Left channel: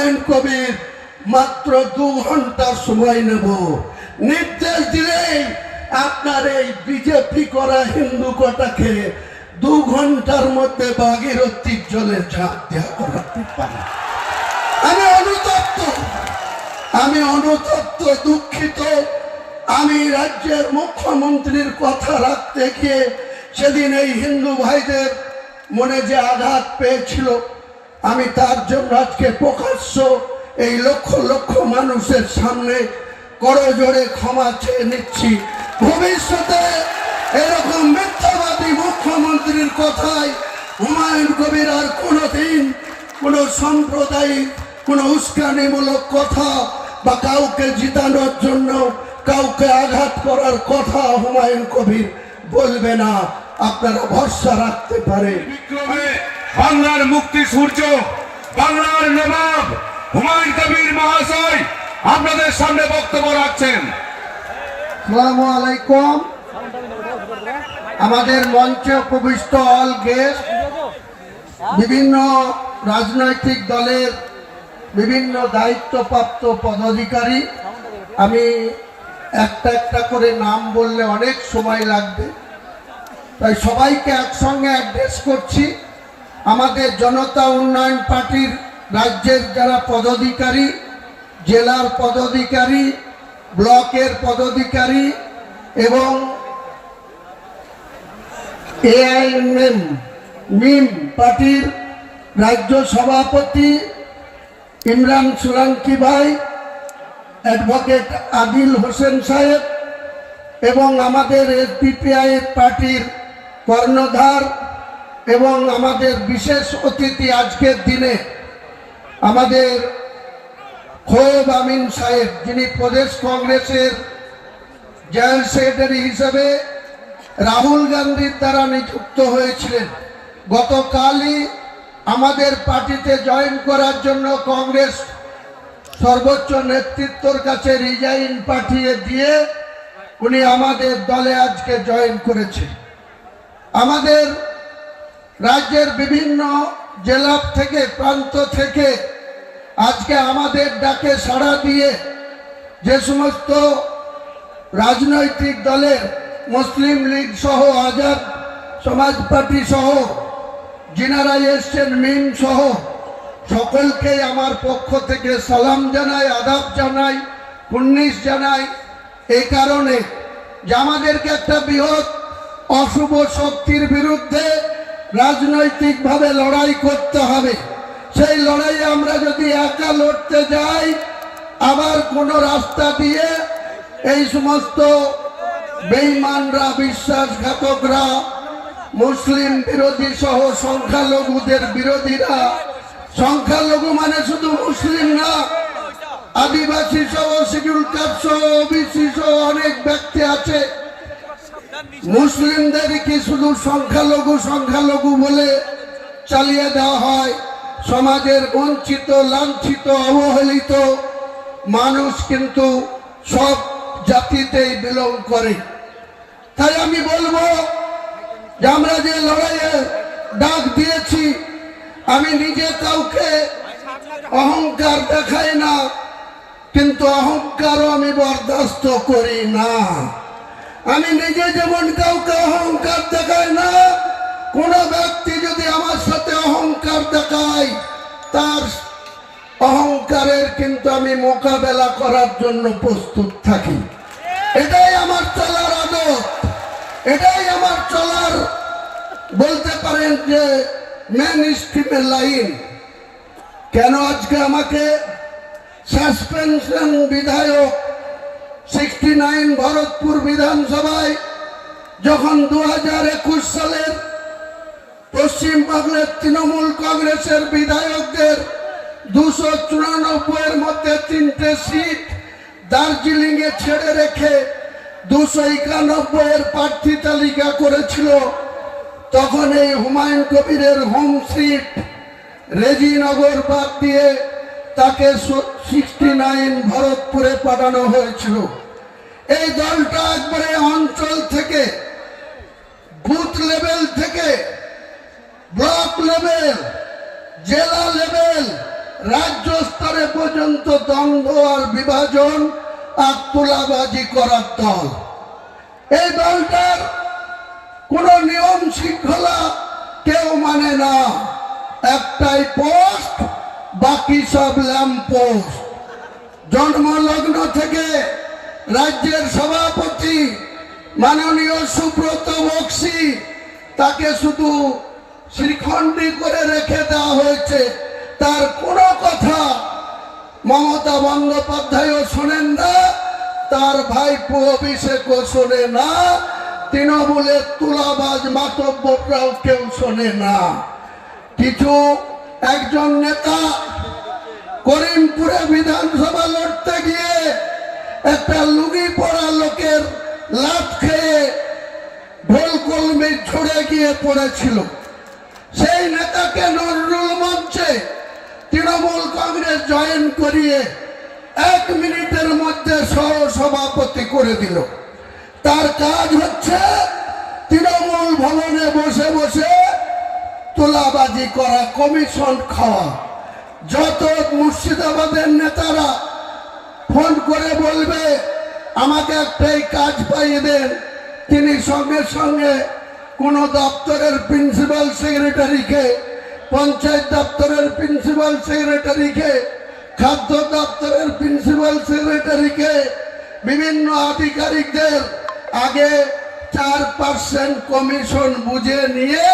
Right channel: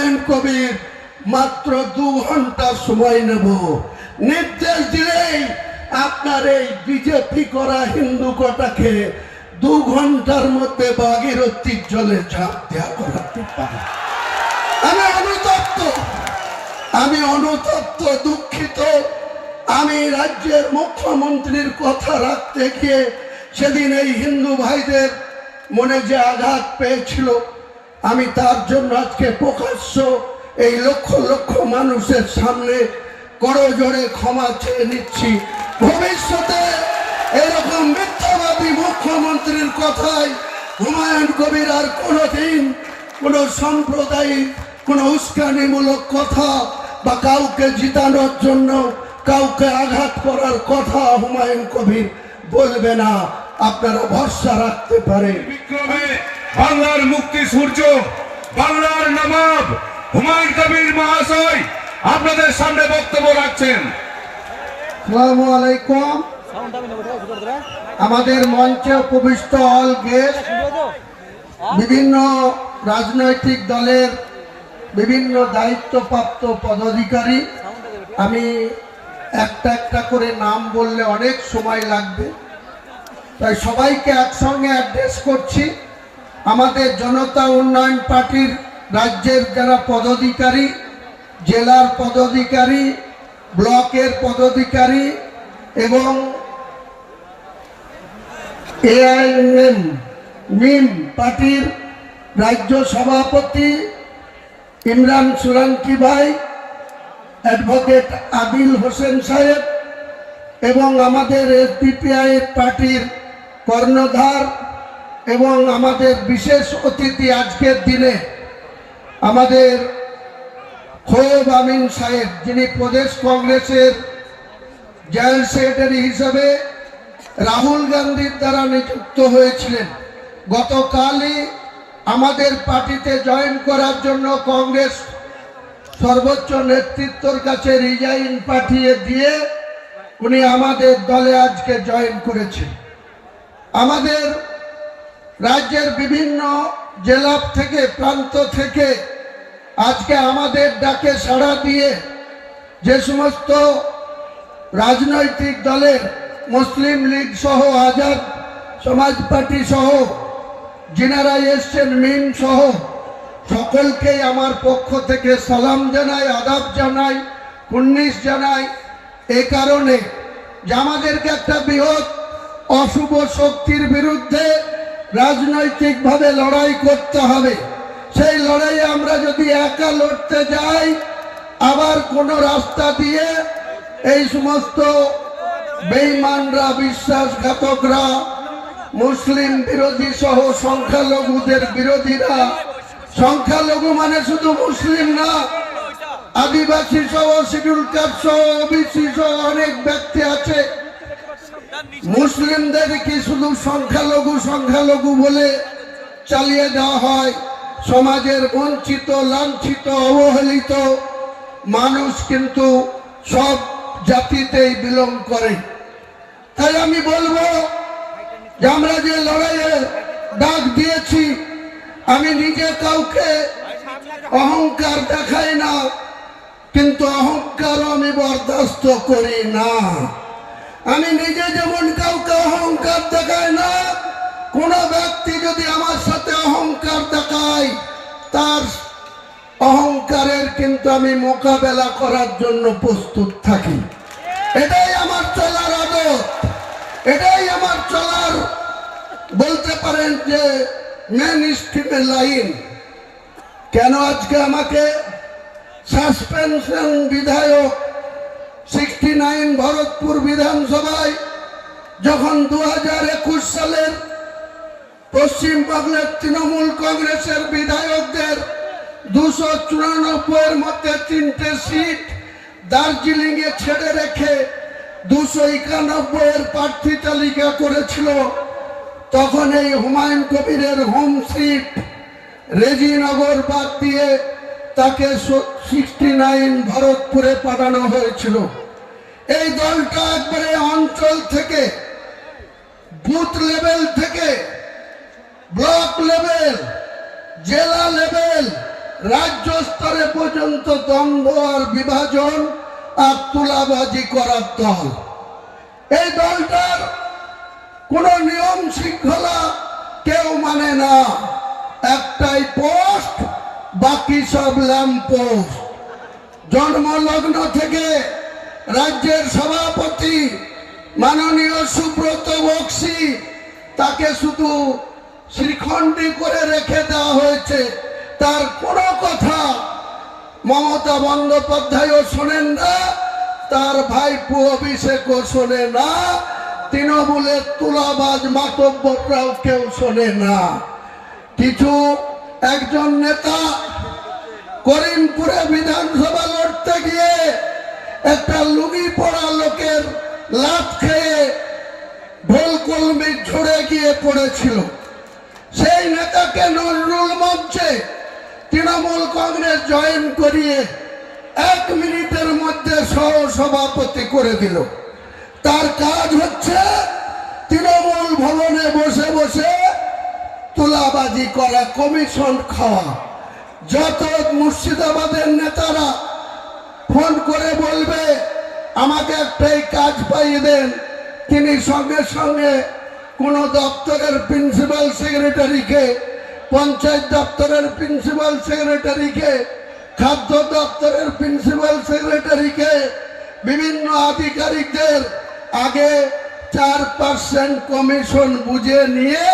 হুমায়ুন কবির মাত্র 2 ঘন্টা সময় নেব, নির্দেশ দিলেই আপনার এই বিজেপি করা হিন্দু কটাকে 2 ঘন্টার মধ্যে ভাগীরথীর জলে ঝাঁপ দেওয়া করাতে পারে। আমি অনুতপ্ত, দুঃখিত। আমি রাজ্যের মুখ্যমন্ত্রীর কথা রাখতে গিয়ে সেদিন এই হিন্দু ভাইদের মনে যে আঘাত পেয়েছিল, আমি তার জন্য আজকে প্রকাশ্য এই লক্ষ লক্ষ মানুষের সামনে করজোড়ে ক্ষমা চেয়ে নিচ্ছি। ভবিষ্যতে এরকম মিথ্যাবাদী মুখ্যমন্ত্রীর কথায় হুমায়ুন কবির আর কোনোদিন কোনো সাম্প্রদায়িক কোনো উস্কানিমূলক কথা বা কাউকে জিতানোর জন্য কাউকে আঘাত করার কথা হুমায়ুন কবির বলবে না, আপনারা ভরসা রাখতে পারে। বিক্রমে বাংলার মুক্তি সূর্য, বাংলার নবাব হুমায়ুন কবির মহাশয় আপনাদের সামনে বক্তব্য রাখছেন। আসসালামু আলাইকুম। আমাদের মঞ্চে উপবিষ্ট অল গেস্ট, বিভিন্ন রাজনৈতিক দলের বিভিন্ন দায়িত্বপ্রাপ্ত পদাধিকারী, আমি একটা একটা করে নাম বললে অনেক সময় লাগবে, তাই সবাইকে একসঙ্গে অ্যাড্রেস করছি। আমাদের জনতা উন্নয়ন পার্টির রাজ্যের যারা পদাধিকারী, জেলার পদাধিকারী, ব্লকের পদাধিকারী এবং এআইএমএম মিম পার্টির রাজ্য সভাপতি ইমরান সোলাঙ্কি ভাই, অ্যাডভোকেট আদিল হোসেন সাহেব এবং আমাদের এসডিপিআই পার্টির কর্ণধার এবং আমাদের বিশেষ অতিথি আজকের দিনে আমাদের খোয়েব আমিন সাহেব, যিনি প্রদেশ কংগ্রেসের জয়েন্ট সেক্রেটারি হিসেবে রাহুল গান্ধীর দ্বারা নিযুক্ত হয়েছিলেন। গতকালই আমাদের পার্টিতে জয়েন করার জন্য কংগ্রেস সর্বোচ্চ নেতৃত্বর কাছে রিজাইন পাঠিয়ে দিয়ে উনি আমাদের দলে আজকে জয়েন করেছে। আমাদের রাজ্যের বিভিন্ন জেলা থেকে, প্রান্ত থেকে আজকে আমাদের ডাকে সাড়া দিয়ে যে সমস্ত রাজনৈতিক দলের মুসলিম লীগ সহ, আজাদ সমাজ পার্টি সহ যিনারা এসছেন, মিম সহ সকলকে আমার পক্ষ থেকে সালাম জানাই, আদাব জানাই, কুর্নিশ জানাই। এই কারণে যে আমাদেরকে একটা বৃহৎ অশুভ শক্তির বিরুদ্ধে রাজনৈতিকভাবে লড়াই করতে হবে। সেই লড়াইয়ে আমরা যদি একা লড়তে যাই, আবার কোনো রাস্তা দিয়ে এই সমস্ত বেঈমানরা, বিশ্বাসঘাতকরা, মুসলিম বিরোধী সহ সংখ্যালঘুদের বিরোধীরা, সংখ্যালঘু মানে শুধু মুসলিম না, আদিবাসী সহ, শিডিউল কাস্ট সহ, ওবিসি সহ অনেক ব্যক্তি আছে। মুসলিমদের কি শুধু সংখ্যালঘু সংখ্যালঘু বলে চালিয়ে দেওয়া হয়? সমাজের বঞ্চিত, লাঞ্ছিত, অবহেলিত মানুষ কিন্তু সব জাতিতেই বিলং করে। তাই আমি বলবো যে আমরা যে লড়াইয়ে ডাক দিয়েছি, আমি নিজে কাউকে অহংকার দেখাই না, কিন্তু অহংকারও আমি বরদাস্ত করি না। আমি নিজে যেমন কাউকে অহংকার দেখাই না, কোন ব্যক্তি যদি আমার সাথে অহংকার দেখায়, তার অহংকারের কিন্তু আমি মোকাবেলা করার জন্য প্রস্তুত থাকি। এটাই আমার চলার আদত, এটাই আমার চলার বলতে পারেন যে মেন স্ট্রিমের লাইন। কেন আজকে আমাকে সাসপেনশন বিধায়ক 69 ভরতপুর বিধানসভায় যখন 2021 সালের পশ্চিমবাংলার তৃণমূল কংগ্রেসের বিধায়কদের 294 মধ্যে 3টে সিট দার্জিলিং এ ছেড়ে রেখে 291 প্রার্থী তালিকা করেছিল, তখন এই হুমায়ুন কবিরের হোম সিট রেজিনগর বাদ দিয়ে তাকে 69 ভরতপুরে পাঠানো হয়েছিল। এই দলটা একবারে অঞ্চল থেকে, বুথ লেভেল থেকে, ব্লক লেভেল, জেলা লেভেল, রাজ্য স্তরে পর্যন্ত দ্বন্দ্ব আর বিভাজন আর তোলাবাজি করার দল। এই দলটার কোন নিয়ম শৃঙ্খলা কেউ মানে না, একটাই পোস্ট, বাকি সব ল্যাম্প পোস্ট। জন্মলগ্ন থেকে রাজ্যের সভাপতি মাননীয় সুব্রত বক্সি, তাকে শুধু শ্রীখণ্ডী করে রেখে দেওয়া হয়েছে। তার কোনো কথা মমতা বন্দ্যোপাধ্যায়ও শোনেন না, তার ভাইপো অভিষেকও শোনে না, তৃণমূলের তুলাবাজ মাতব্বররাও কেউ শোনে না। কিছু একজন নেতা করিমপুরে বিধানসভা লড়তে গিয়ে একটা লুঙ্গি পরা লোকের লাত খেয়ে ঢোল কলমি ঝরে গিয়ে পড়েছিল। সেই নেতাকে নজরুল মঞ্চে তৃণমূল কংগ্রেস জয়েন করিয়ে 1 মিনিটের মধ্যে সহ সভাপতি করে দিল। তার কাজ হচ্ছে তৃণমূল ভবনে বসে বসে তোলাবাজি করা, কমিশন খাওয়া। যত মুর্শিদাবাদের নেতারা ফোন করে বলবে আমাকে একটাই কাজ পাইয়ে দেন, তিনি সঙ্গে সঙ্গে কোন দপ্তরের প্রিন্সিপাল সেক্রেটারিকে, পঞ্চায়েত দপ্তরের প্রিন্সিপাল সেক্রেটারিকে, খাদ্য দপ্তরের প্রিন্সিপাল সেক্রেটারিকে, বিভিন্ন আধিকারিকদের আগে 4% কমিশন বুঝে নিয়ে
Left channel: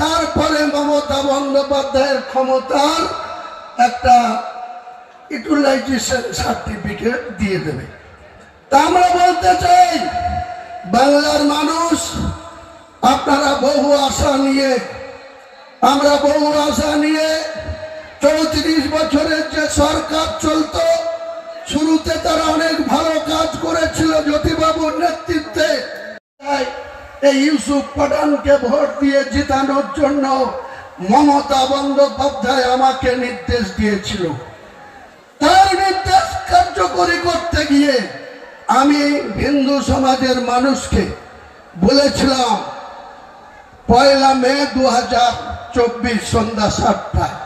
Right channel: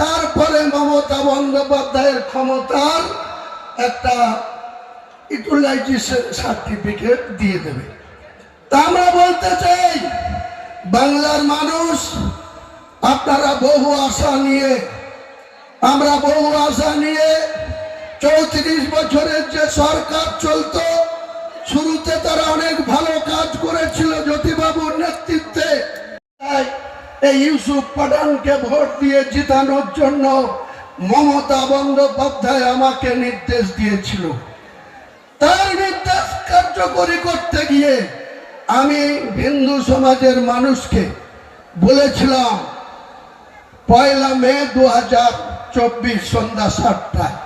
তারপরে মমতা বন্দ্যোপাধ্যায়ের ক্ষমতার একটা ইউটিলাইজেশন সার্টিফিকেট দিয়ে দেবে। তা আমরা বলতে চাই, বাংলার মানুষ আপনারা বহু আশা নিয়ে, আমরা বহু আশা নিয়ে 34 বছরের যে সরকার চলত, শুরুতে তারা অনেক ভালো কাজ করেছিল জ্যোতিবাবুর নেতৃত্বে। এই ইউসুফ পাঠানকে ভোট দিয়ে জিতানোর জন্য মমতা বন্দ্যোপাধ্যায় আমাকে নির্দেশ দিয়েছিল। তার নির্দেশ কার্যকরী করতে গিয়ে আমি হিন্দু সমাজের মানুষকে বলেছিলাম 1 মে 2024 সন্ধ্যা 7টায়।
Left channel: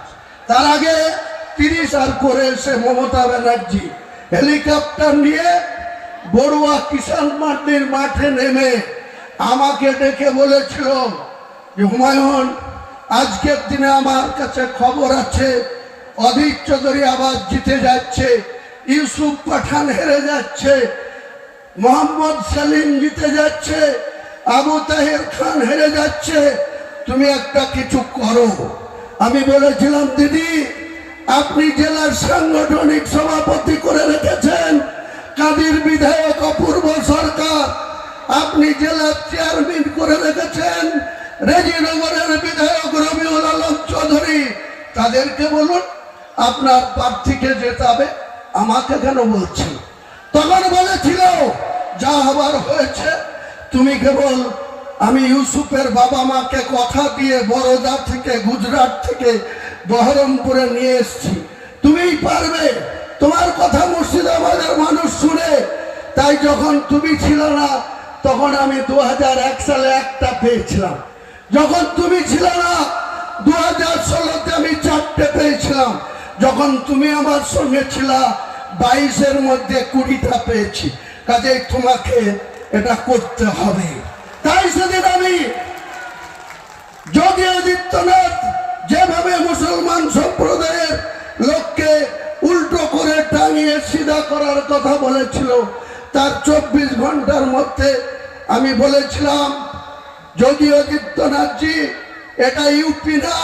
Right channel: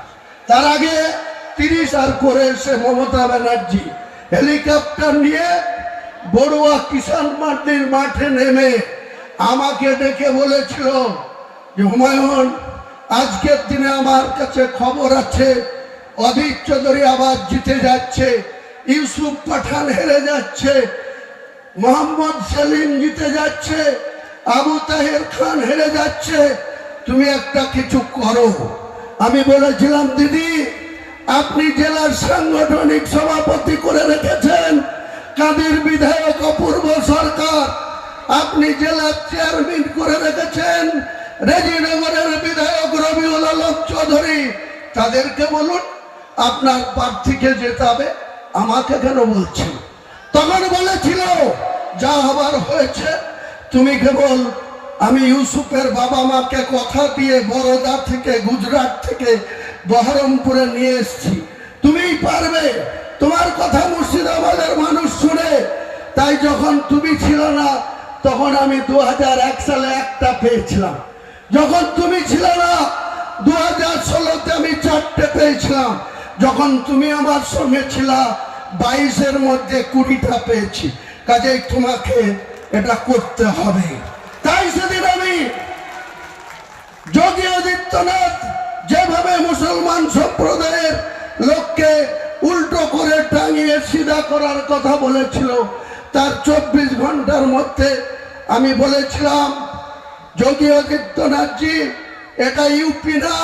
তার আগে 30 আর করে এসে মমতা ব্যানার্জি হেলিকপ্টার নিয়ে বড়ুয়া কিষাণ মান্ডির মাঠে নেমে আমাকে ডেকে বলেছিল যে হুমায়ুন, আজকের দিনে আমার কাছে খবর আছে অধীর চৌধুরী আবার জিতে যাচ্ছে, ইউসুফ পাঠান হেরে যাচ্ছে, মোহাম্মদ সেলিম জিতে যাচ্ছে, আবু তাহের খান হেরে যাচ্ছে, তুমি একটা কিছু করো। আমি বলেছিলাম দিদি, আপনি জেলার সাংগঠনিক সভাপতি করে রেখেছেন কাদির বিধায়ক অপূর্ব সরকার, আপনি জেলার চেয়ারম্যান করে রেখেছেন রেজিনগরের বিধায়ক রবিউল আলম চৌধুরী, তাদেরকে বলুন আপনার প্রার্থীকে জেতাবে, আমাকে কেন বলছি? তখন বলেছিল যা হবার হয়েছে, তুমি কেবল, আমি ইউসুফের বাবা মাকে কথা দিয়ে বরোদা থেকে, গুজরাট থেকে বহরমপুরে নিয়ে এসেছি, তুমিই পারবে, তোমার কথা মুর্শিদাবাদের মানুষ শুনে। তাই যখন তুমি ছিল না তখন আমি 2001 সালে একটা পেয়েছিলাম, যখন তুমি ছিল না 2016-তে আমি 4টে পেয়েছিলাম, যখন তুমি আমার সঙ্গে ছিল 22-এর মধ্যে 20টা পেয়েছি। কাজেই তোমাকে এটা করতে হবে। তাই সেদিন আমি যোগী আদিত্যনাথ যেভাবে মুসলমান সম্প্রদায়ের লোককে উল্টো করে টাঙিয়ে সিধা করার কথা বলেছিল, তার 24 ঘন্টার মধ্যে আমি বলেছিলাম যোগী আদিত্যনাথজি, এটা ইউপি না,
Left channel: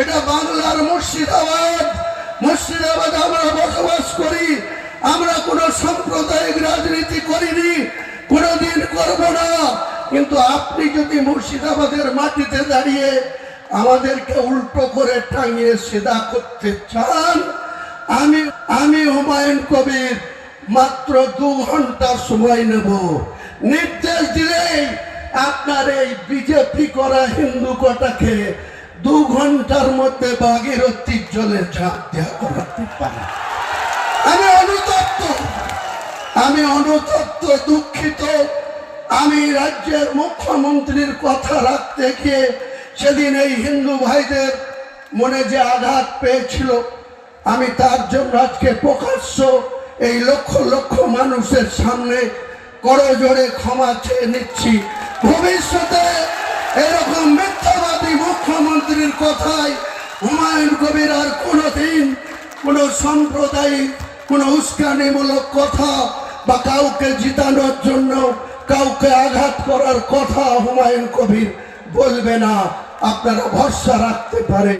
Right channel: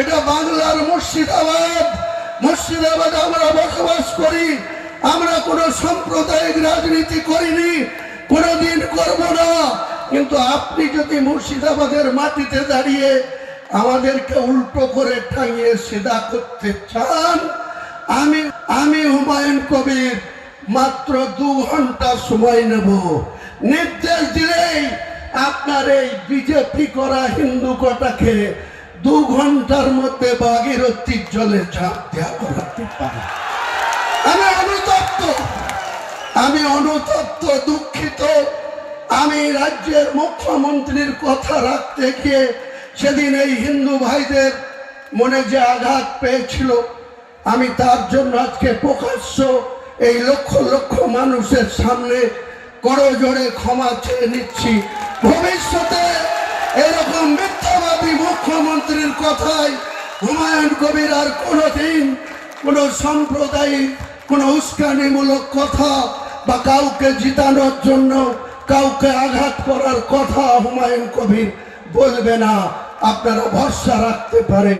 এটা বাংলার মুর্শিদাবাদ। মুর্শিদাবাদে আমরা বসবাস করি, আমরা কোনো সাম্প্রদায়িক রাজনীতি করিনি, কোনোদিন করব না। কিন্তু আপনি যদি মুর্শিদাবাদের মাটিতে দাঁড়িয়ে আমাদেরকে উল্টো করে টাঙিয়ে সিধা করতে চান, আমি হুমায়ুন কবির মাত্র 2 ঘন্টা সময় নেব। নির্দেশ দিলেই আপনার এই বিজেপি করা হিন্দু কটাকে 2 ঘন্টার মধ্যে ভাগীরথীর জলে ঝাঁপ দেওয়া করতে পারে। আমি অনুতপ্ত, দুঃখিত। আমি রাজ্যের মুখ্যমন্ত্রীর কথা রাখতে গিয়ে সেদিন এই হিন্দু ভাইদের মনে যে আঘাত পেয়েছিল, আমি তার জন্য আজকে প্রকাশ্য এই লক্ষ লক্ষ মানুষের সামনে করজোড়ে ক্ষমা চেয়ে নিচ্ছি। ভবিষ্যতে এরকম মিথ্যাবাদী মুখ্যমন্ত্রীর কথায় হুমায়ুন কবির আর কোনোদিন কোনো সাম্প্রদায়িক কোনো উস্কানিমূলক কথা বা কাউকে জিতানোর জন্য কাউকে আঘাত করার কথা হুমায়ুন কবির বলবে না, আপনারা ভরসা রাখতে পারেন।